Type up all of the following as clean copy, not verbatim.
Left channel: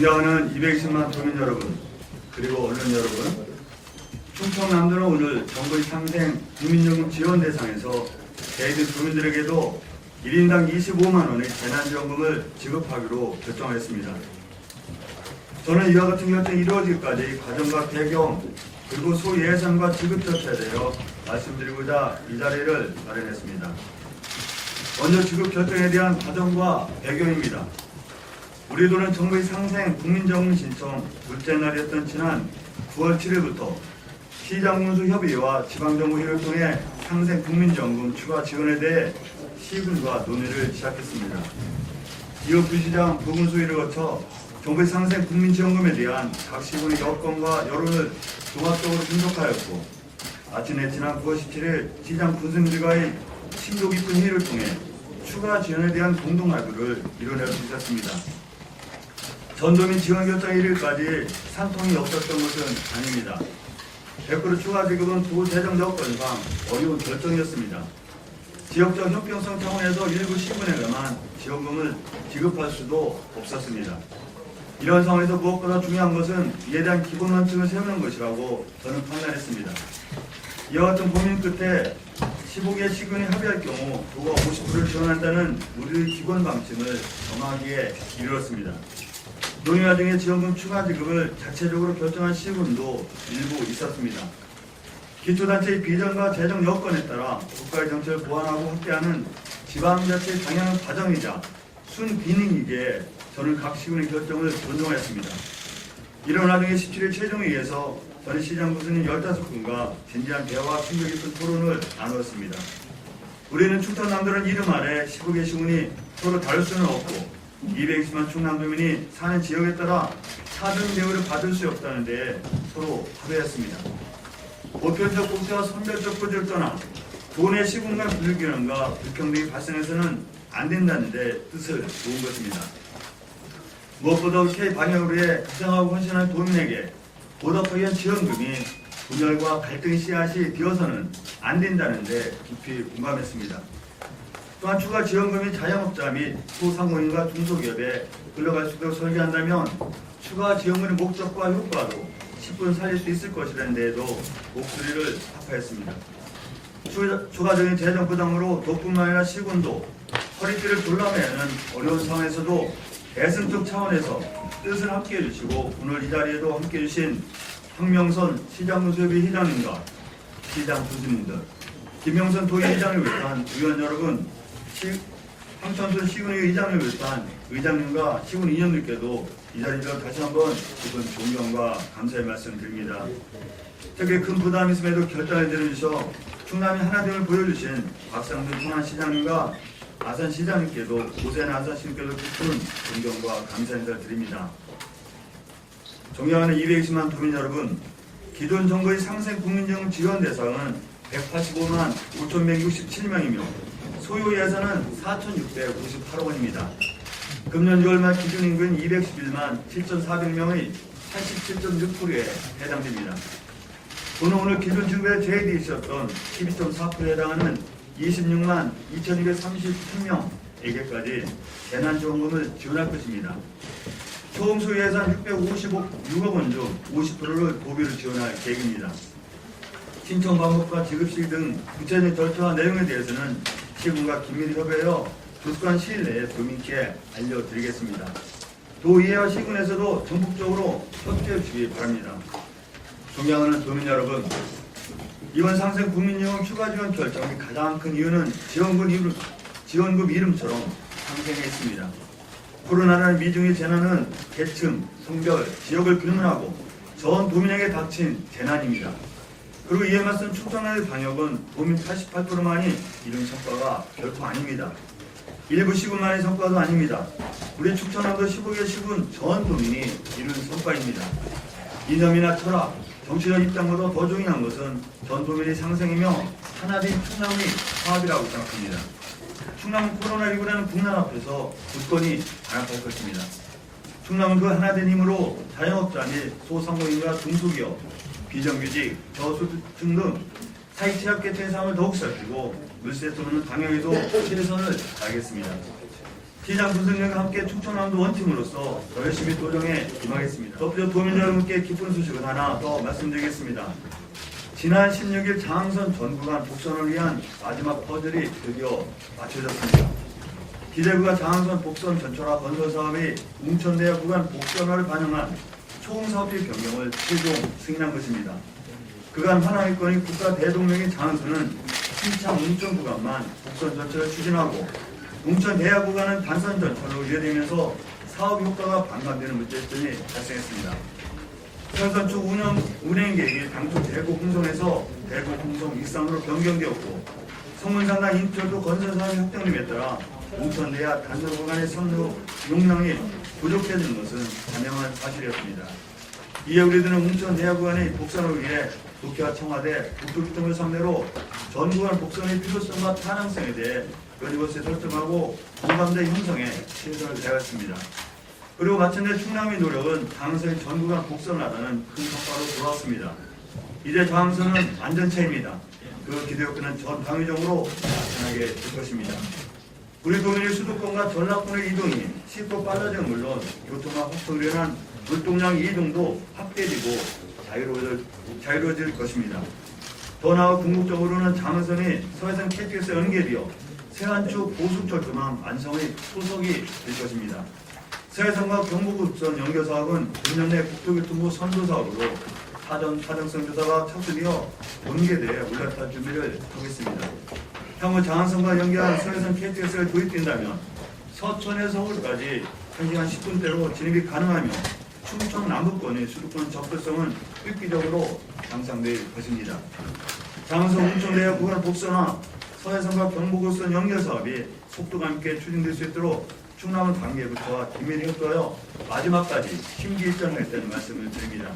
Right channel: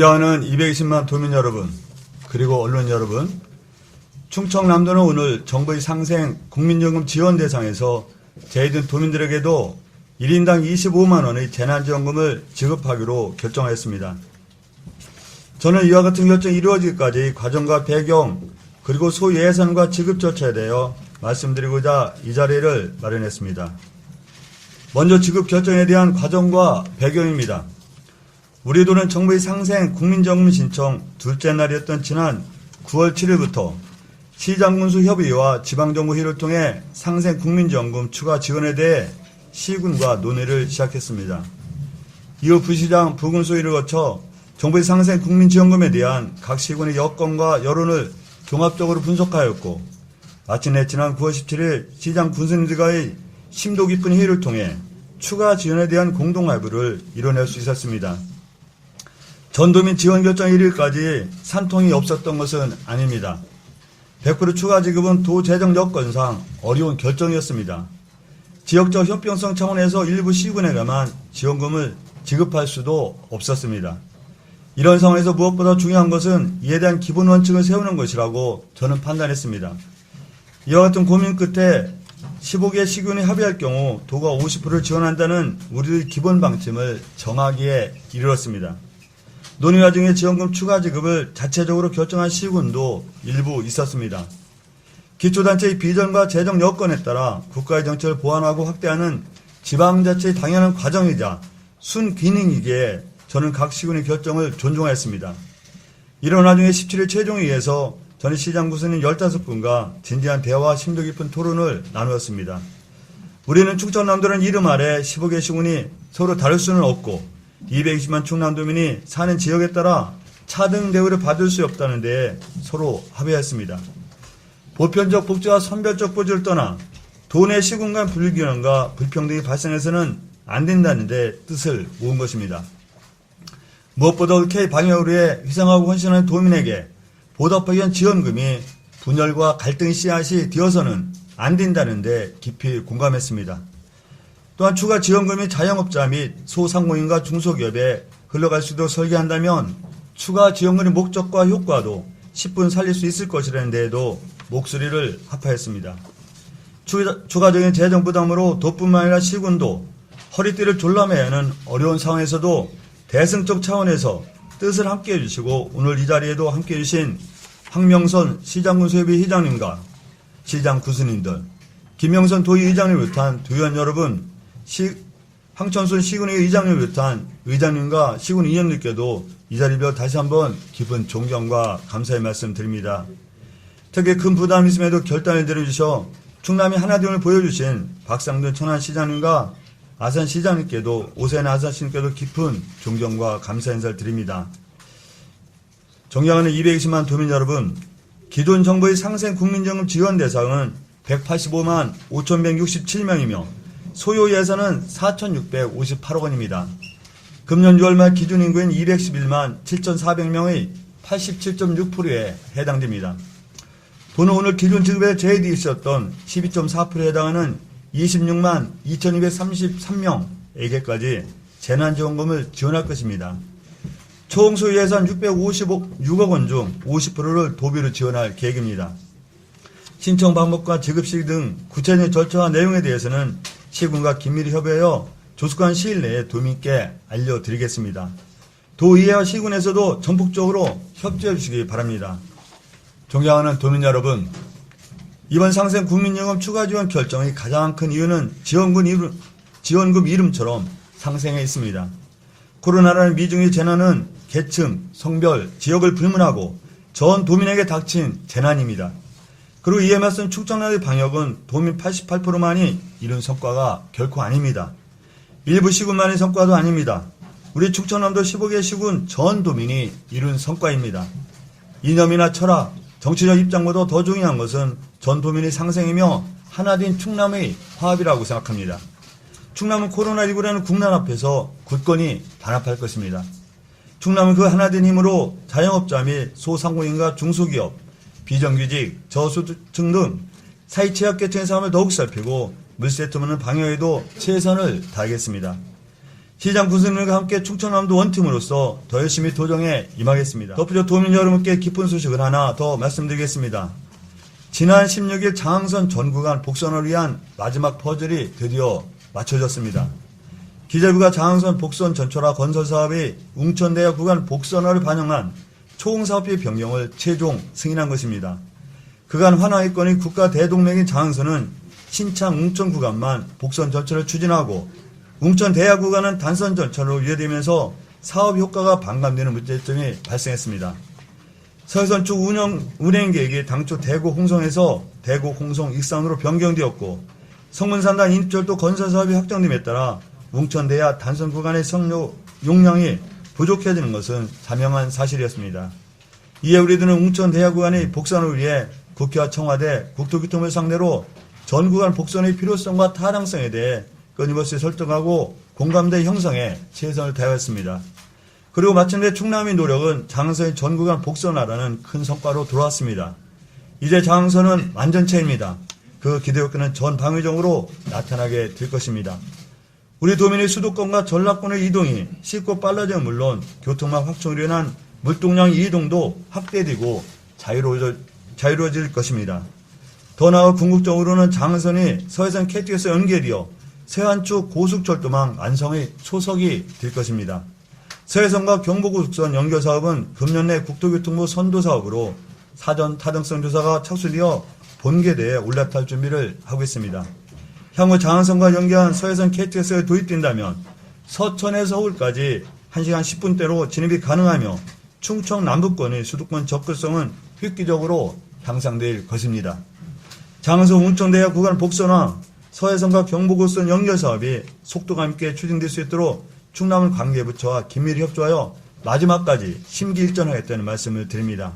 존경하는 220만 도민 여러분, 그리고 언론 여러분, 충청남도는 오늘 정부의 상생 국민연금 지원 대상에서 저희들 도민들에게도 1인당 25만 원의 재난지원금을 지급하기로 결정하였습니다. 저는 이와 같은 결정이 이루어지기까지 과정과 배경, 그리고 소예산과 지급 절차에 대하여 말씀드리고자 이 자리를 마련했습니다. 먼저 지급 결정에 대한 과정과 배경입니다. 우리 도는 정부의 상생 국민연금 신청 둘째 날이었던 지난 9월 7일부터 시장군수협의회와 지방정부회의를 통해 상생 국민연금 추가 지원에 대해 시군과 논의를 시작했습니다. 이후 부시장, 부군소위를 거쳐 정부의 상생 국민지원금에 대한 각 시군의 여건과 여론을 종합적으로 분석하였고, 마침내 지난 9월 17일 시장 군수님들과의 심도 깊은 회의를 통해 추가 지원에 대한 공동합의를 이뤄낼 수 있었습니다. 전도민 지원 결정 1일까지 산통이 없었던 것은 아닙니다. 100% 추가 지급은 도 재정 여건상 어려운 결정이었습니다. 지역적 형평성 차원에서 일부 시군에게만 지원금을 지급할 수도 없었습니다. 이런 상황에서 무엇보다 중요한 것은 이에 대한 기본 원칙을 세우는 것이라고 저는 판단했습니다. 이와 같은 고민 끝에 15개 시군이 합의할 경우 도가 50%를 지원한다는 우리의 기본 방침을 정하기에 이르렀습니다. 논의 과정에 지원금 추가 지급을 자체적으로 결정한 시군도 일부 있었습니다. 기초단체의 비전과 재정 여건에 따라 국가의 정책을 보완하고 확대하는 지방자치의 당연한 과정이자 순기능이기에 저는 각 시군의 결정을 존중하였습니다. 이런 와중에 17일 최종회의에서 저는 시장 구수님 15분과 진지한 대화와 심도 깊은 토론을 나누었습니다. 우리는 충청남도는 이름 아래 15개 시군이 서로 다를 수는 없고 220만 충남도민이 사는 지역에 따라 차등 대우를 받을 수 없다는 데 서로 합의했습니다. 보편적 복지와 선별적 복지를 떠나 도내 시군 간 불균형과 불평등이 발생해서는 안 된다는 데 뜻을 모은 것입니다. 무엇보다 옳게 방역을 위해 희생하고 헌신하는 도민에게 보답하기 위한 지원금이 분열과 갈등의 씨앗이 되어서는 안 된다는 데 깊이 공감했습니다. 또한 추가 지원금이 자영업자 및 소상공인과 중소기업에 흘러갈 수 있도록 설계한다면 추가 지원금의 목적과 효과도 10분 살릴 수 있을 것이라는 데에도 목소리를 합하였습니다. 추가적인 재정 부담으로 도뿐만 아니라 시군도 허리띠를 졸라매야 하는 어려운 상황에서도 대승적 차원에서 뜻을 함께 해주시고 오늘 이 자리에도 함께 해주신 황명선 시장군수협의 회장님과 시장 구수님들, 김영선 도의회장을 비롯한 도의원 여러분, 황천순 시군의 의장을 비롯한 의장님과 시군 위원님께도 이 자리로 다시 한번 깊은 존경과 감사의 말씀 드립니다. 특히 큰 부담이 있음에도 결단을 내려주셔 충남이 하나됨을 보여주신 박상준 천안시장님과 아산시장님께도 오세훈 아산시장님께도 깊은 존경과 감사 인사를 드립니다. 존경하는 220만 도민 여러분, 기존 정부의 상생 국민연금 지원 대상은 185만 5,167명이며 소요 예산은 4,658억 원입니다. 금년 6월 말 기준 인구인 211만 7,400명의 87.6%에 해당됩니다. 도는 오늘 기존 지급에 제외되어 있었던 12.4%에 해당하는 26만 2,233명에게까지 재난지원금을 지원할 것입니다. 총 소요 예산 656억 원 중 50%를 도비로 지원할 계획입니다. 신청 방법과 지급 시기 등 구체적인 절차와 내용에 대해서는 시군과 긴밀히 협의하여 조속한 시일 내에 도민께 알려드리겠습니다. 도의회와 시군에서도 전폭적으로 협조해 주시기 바랍니다. 존경하는 도민 여러분, 이번 상생 국민연금 추가 지원 결정의 가장 큰 이유는 지원금 이름처럼 상생해 있습니다. 코로나라는 미중의 재난은 계층, 성별, 지역을 불문하고 전 도민에게 닥친 재난입니다. 그리고 이에 맞선 충청남도의 방역은 도민 88%만이 이룬 성과가 결코 아닙니다. 일부 시군만의 성과도 아닙니다. 우리 충청남도 15개 시군 전 도민이 이룬 성과입니다. 이념이나 철학, 정치적 입장보다 더 중요한 것은 전 도민의 상생이며 하나된 충남의 화합이라고 생각합니다. 충남은 코로나19라는 국난 앞에서 굳건히 단합할 것입니다. 충남은 그 하나된 힘으로 자영업자 및 소상공인과 중소기업, 비정규직, 저소득층 등 사회 취약계층의 삶을 더욱 살피고 물세 틈없는 방역에도 최선을 다하겠습니다. 시장 군수님과 함께 충청남도 원팀으로서 더 열심히 도정에 임하겠습니다. 덧붙여 도민 여러분께 기쁜 소식을 하나 더 말씀드리겠습니다. 지난 16일 장항선 전 구간 복선을 위한 마지막 퍼즐이 드디어 맞춰졌습니다. 기재부가 장항선 복선 전철화 건설 사업의 웅천대야 구간 복선화를 반영한 초공사업비 변경을 최종 승인한 것입니다. 그간 환하이권인 국가 대동맥인 장항선은 신창 웅천 구간만 복선 전철을 추진하고 웅천 대야 구간은 단선 전철로 이어지면서 사업 효과가 반감되는 문제점이 발생했습니다. 서해선 쪽 운행 계획이 당초 대구 홍성에서 대구 홍성 익산으로 변경되었고 성문산간 인철도 건설 사업이 확정됨에 따라 웅천 대야 단선 구간의 선로 용량이 부족해지는 것은 단명한 사실이었습니다. 이에 우리들은 웅천 대야 구간의 복선을 위해 국회와 청와대, 국토교통부를 상대로 전 구간 복선의 필요성과 타당성에 대해 끊임없이 설득하고 공감대 형성에 최선을 다하였습니다. 그리고 마침내 충남의 노력은 장항선의 전 구간 복선화라는 큰 성과로 들어왔습니다. 이제 장항선은 완전체입니다. 그 기대효과는 전 방위적으로 나타나게 될 것입니다. 우리 도민의 수도권과 전라권의 이동이 쉽고 빨라지는 물론 교통망 확충으로 인한 물동량 이동도 확대되고 자유로워질 것입니다. 더 나아 궁극적으로는 장항선이 서해선 KTX와 연계되어 서해안쪽 고속철도망 완성의 초석이 될 것입니다. 서해선과 경부고속선 연결 사업은 금년 내 국토교통부 선도 사업으로 사전 타당성 조사가 착수되어 본계대에 올라탈 준비를 하고 있습니다. 향후 장항선과 연계한 서해선 KTX가 도입된다면 서천에서 서울까지 1시간 10분대로 진입이 가능하며 충청 남부권의 수도권 접근성은 획기적으로 향상될 것입니다. 장항선 웅천대야 구간 복선화, 서해선과 경부고속선 연결 사업이 속도감 있게 추진될 수 있도록 충남 관계부처와 긴밀히 협조하여 마지막까지 심기일전하겠다는 말씀을 드립니다.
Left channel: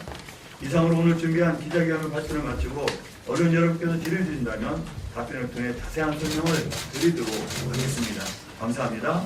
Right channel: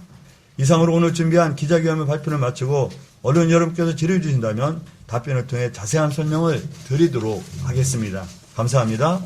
이상으로 오늘 준비한 기자회견 발표를 마치고 언론 여러분께서 질의를 주신다면 답변을 통해 자세한 설명을 드리도록 하겠습니다. 감사합니다.